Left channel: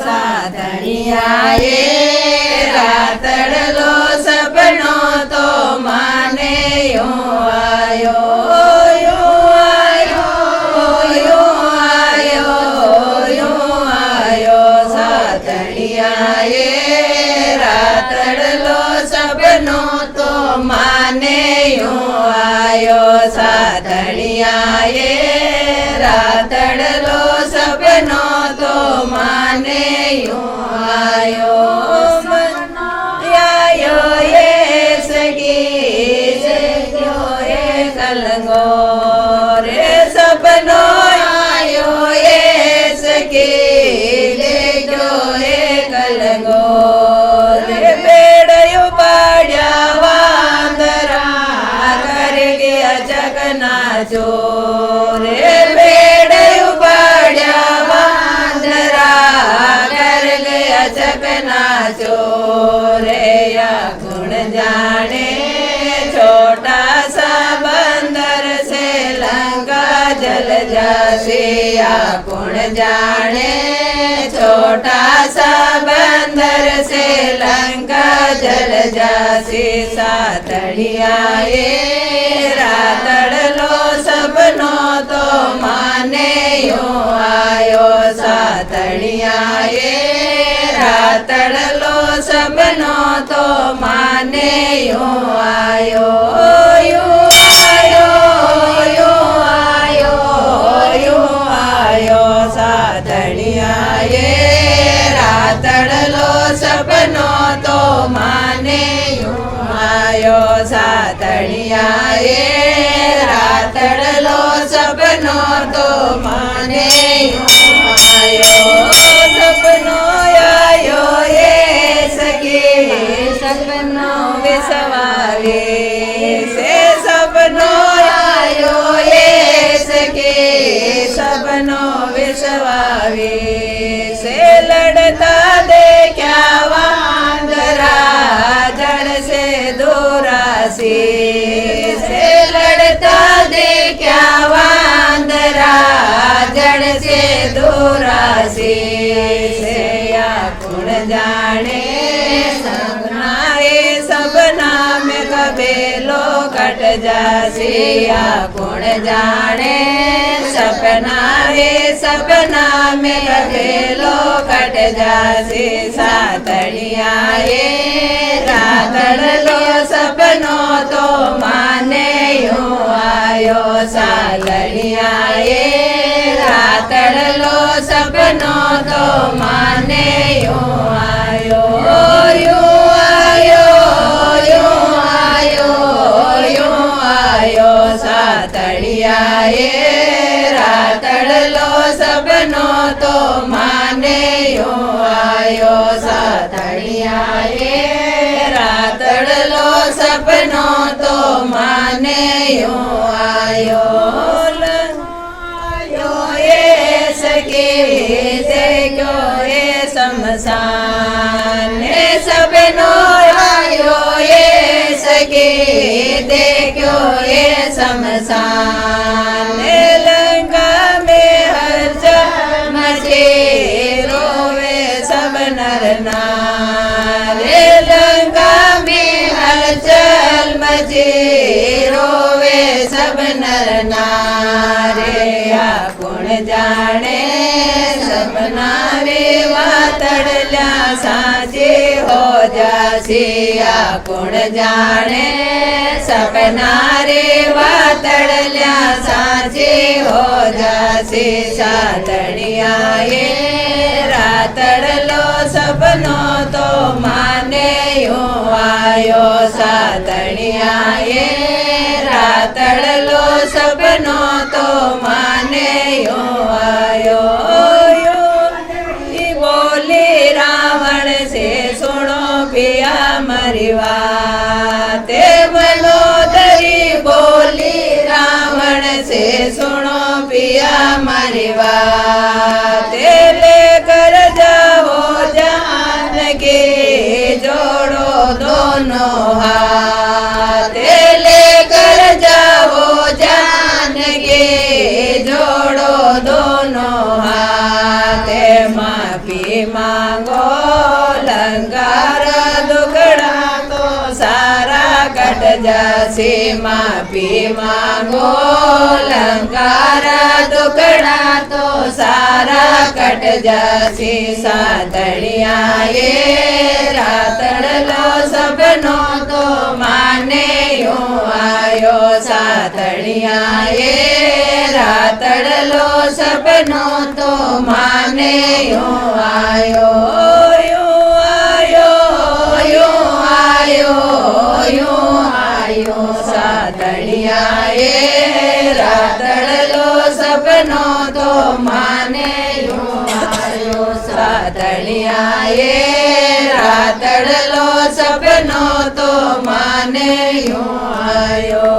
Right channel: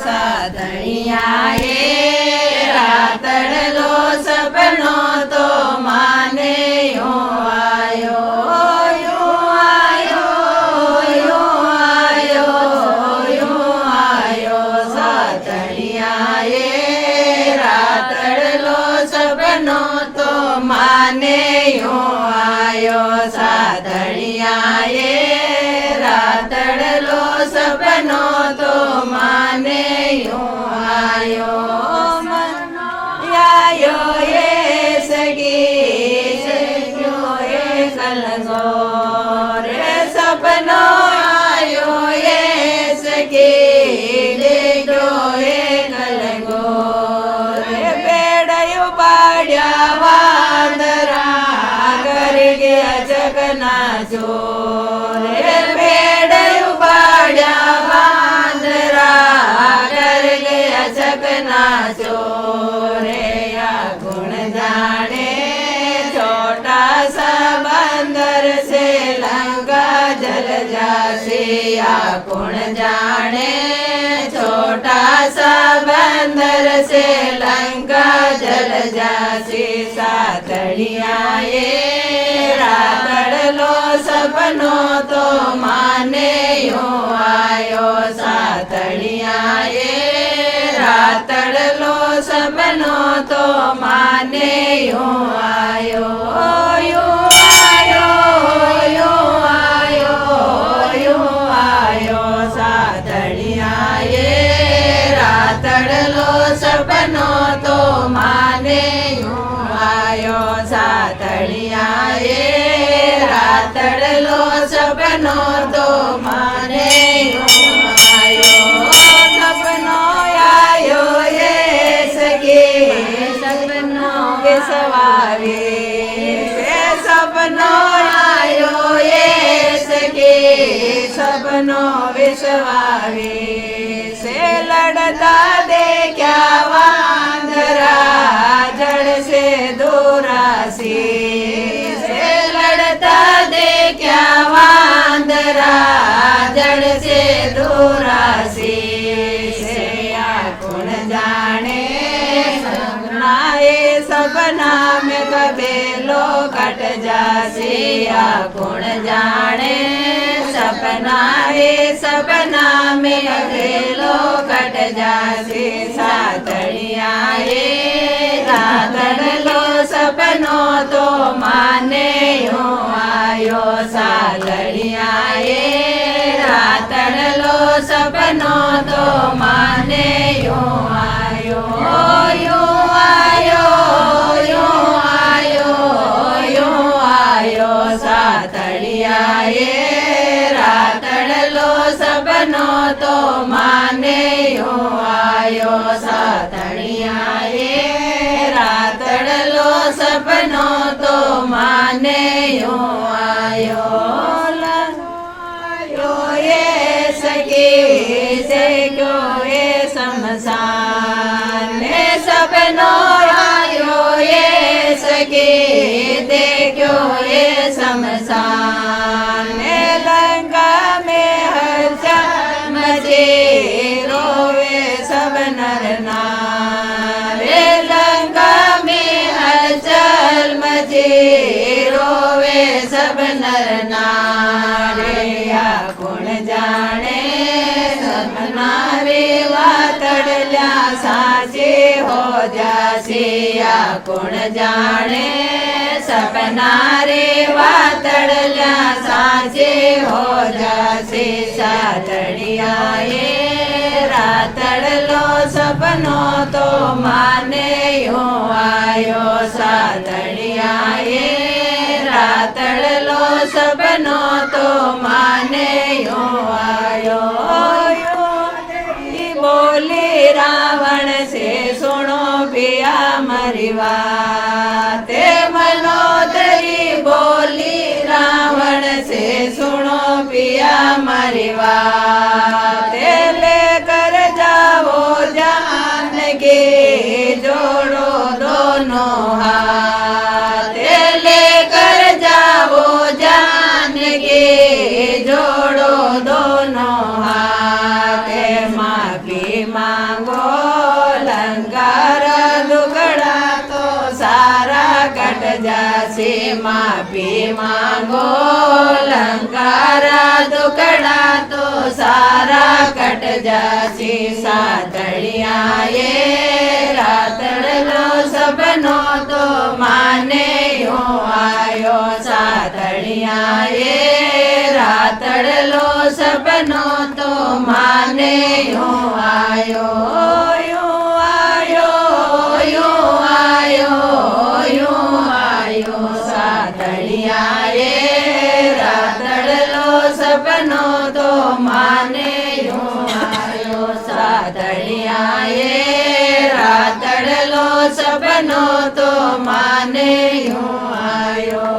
સાધણિયાએ રાતડલો સપનો તો માને આયો સાધણિયાએ રાતડલો સપનો તો માને આયો સાધણિયાએ રાતડલો સપનો તો માને આયો એ સગી ગયો એ કલંગો રે સપનો આયો એ સગી ગયો એ કલંગો રે બેડયું પાડ્યા વાંદરા કર ગયા જગના ચોરે બેડયું પાડ્યા વાંદરા કર ગયા જગના ચોરે ગુણ જાણે छोटा सा बंदर से लंका जल जासे कौन जाने छोटा सा बंदर से लंका जल जासे साधणियाए रातड़लो सपनो तो माने आयो साधणियाए रातड़लो सपनो तो माने आयो साधणियाए रातड़लो सपनो तो माने आयो साधणियाए रातड़लो सपनो तो माने आयो सपनो आयो ये सगे सपनो विसवारे से सपनो आयो ये सगे सपनो विसवारे से लड़ता देखा वांदरा जड़ से दूरासी से लड़ता देखा वांदरा जड़ से दूरासी से या गुण जाने सबना में कबेलो कट जासी या गुण जाने सपना में कबेलो कट जासी साधणियाए रातड़लो सपनो तो माने आयो साधणियाए रातड़लो सपनो तो माने आयो साधणियाए रातड़लो सपनो तो माने आयो साधणियाए रातड़लो सपनो तो माने आयो ये सके से क्यों ये शमशान सपनो आयो ये सके देखो ये शमशान लंका में हलचल मचे रोवे सब नर नारे लंका में हलचल मचे रोवे सब नर नारे गुण जाने सब नारे वातड़ल्या साचे हो जासिया गुण जाने सपना रे वातड़ल्या साचे हो जासे साधणियाए रातड़लो सपनो तो माने आयो साधणियाए रातड़लो सपनो तो माने आयो बोली रावण से सुनो पिया मरी बात मनोदरी बोली रावण से सुनो पिया मरी बात लेकर जाओ जान के जोड़ो दोनों हाथ लेकर जाओ जान के जोड़ो दोनों हाथ माँ की માફી માંગો લંકાર દુગડા તો સારા કટ જશે માફી માંગો લંકાર દુગડા તો સારા કટ જશે સાતળિયાએ રાતડલો સપનો તો માને યો આયો સાતળિયાએ રાતડલો સપનો તો માને યો આયો યો આયો યો આયો યો આયો સાતળિયાએ રાતડલો સપનો તો માને યો આયો સાતળિયાએ રાતડલો સપનો તો માને યો આયો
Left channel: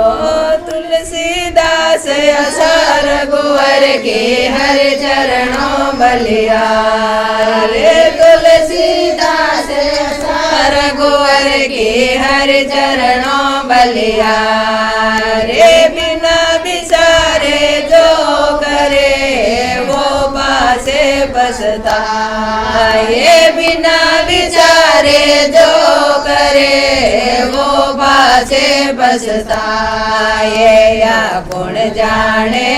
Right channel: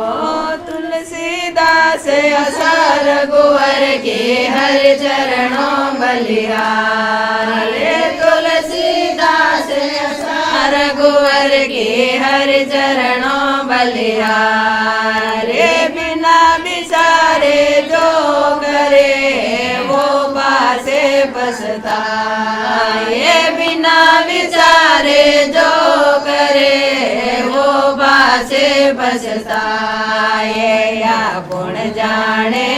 तुलसीदास असर गुवर के हर चरणों बलिहारे तुलसीदास असर गुवर के हर चरणों बलिहारे बिना बिसारे जो करे वो पासे पछताए बिना विचारे जो करे वो पासे पछताए या गुण जाने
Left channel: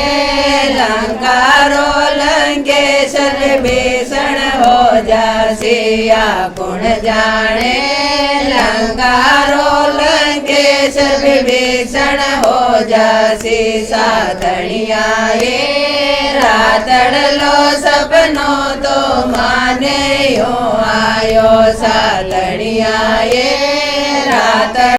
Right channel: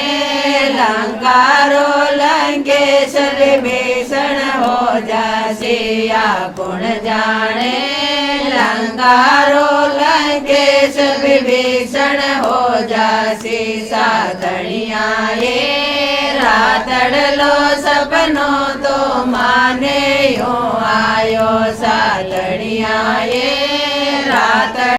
लंकारो लंकेश विभीषण हो जासी या गुण जाने लंकारो लंकेश विभीषण हो जासी सातड़ियाए रातड़लो सपनो तो माने यो आयो सातड़ियाए रातड़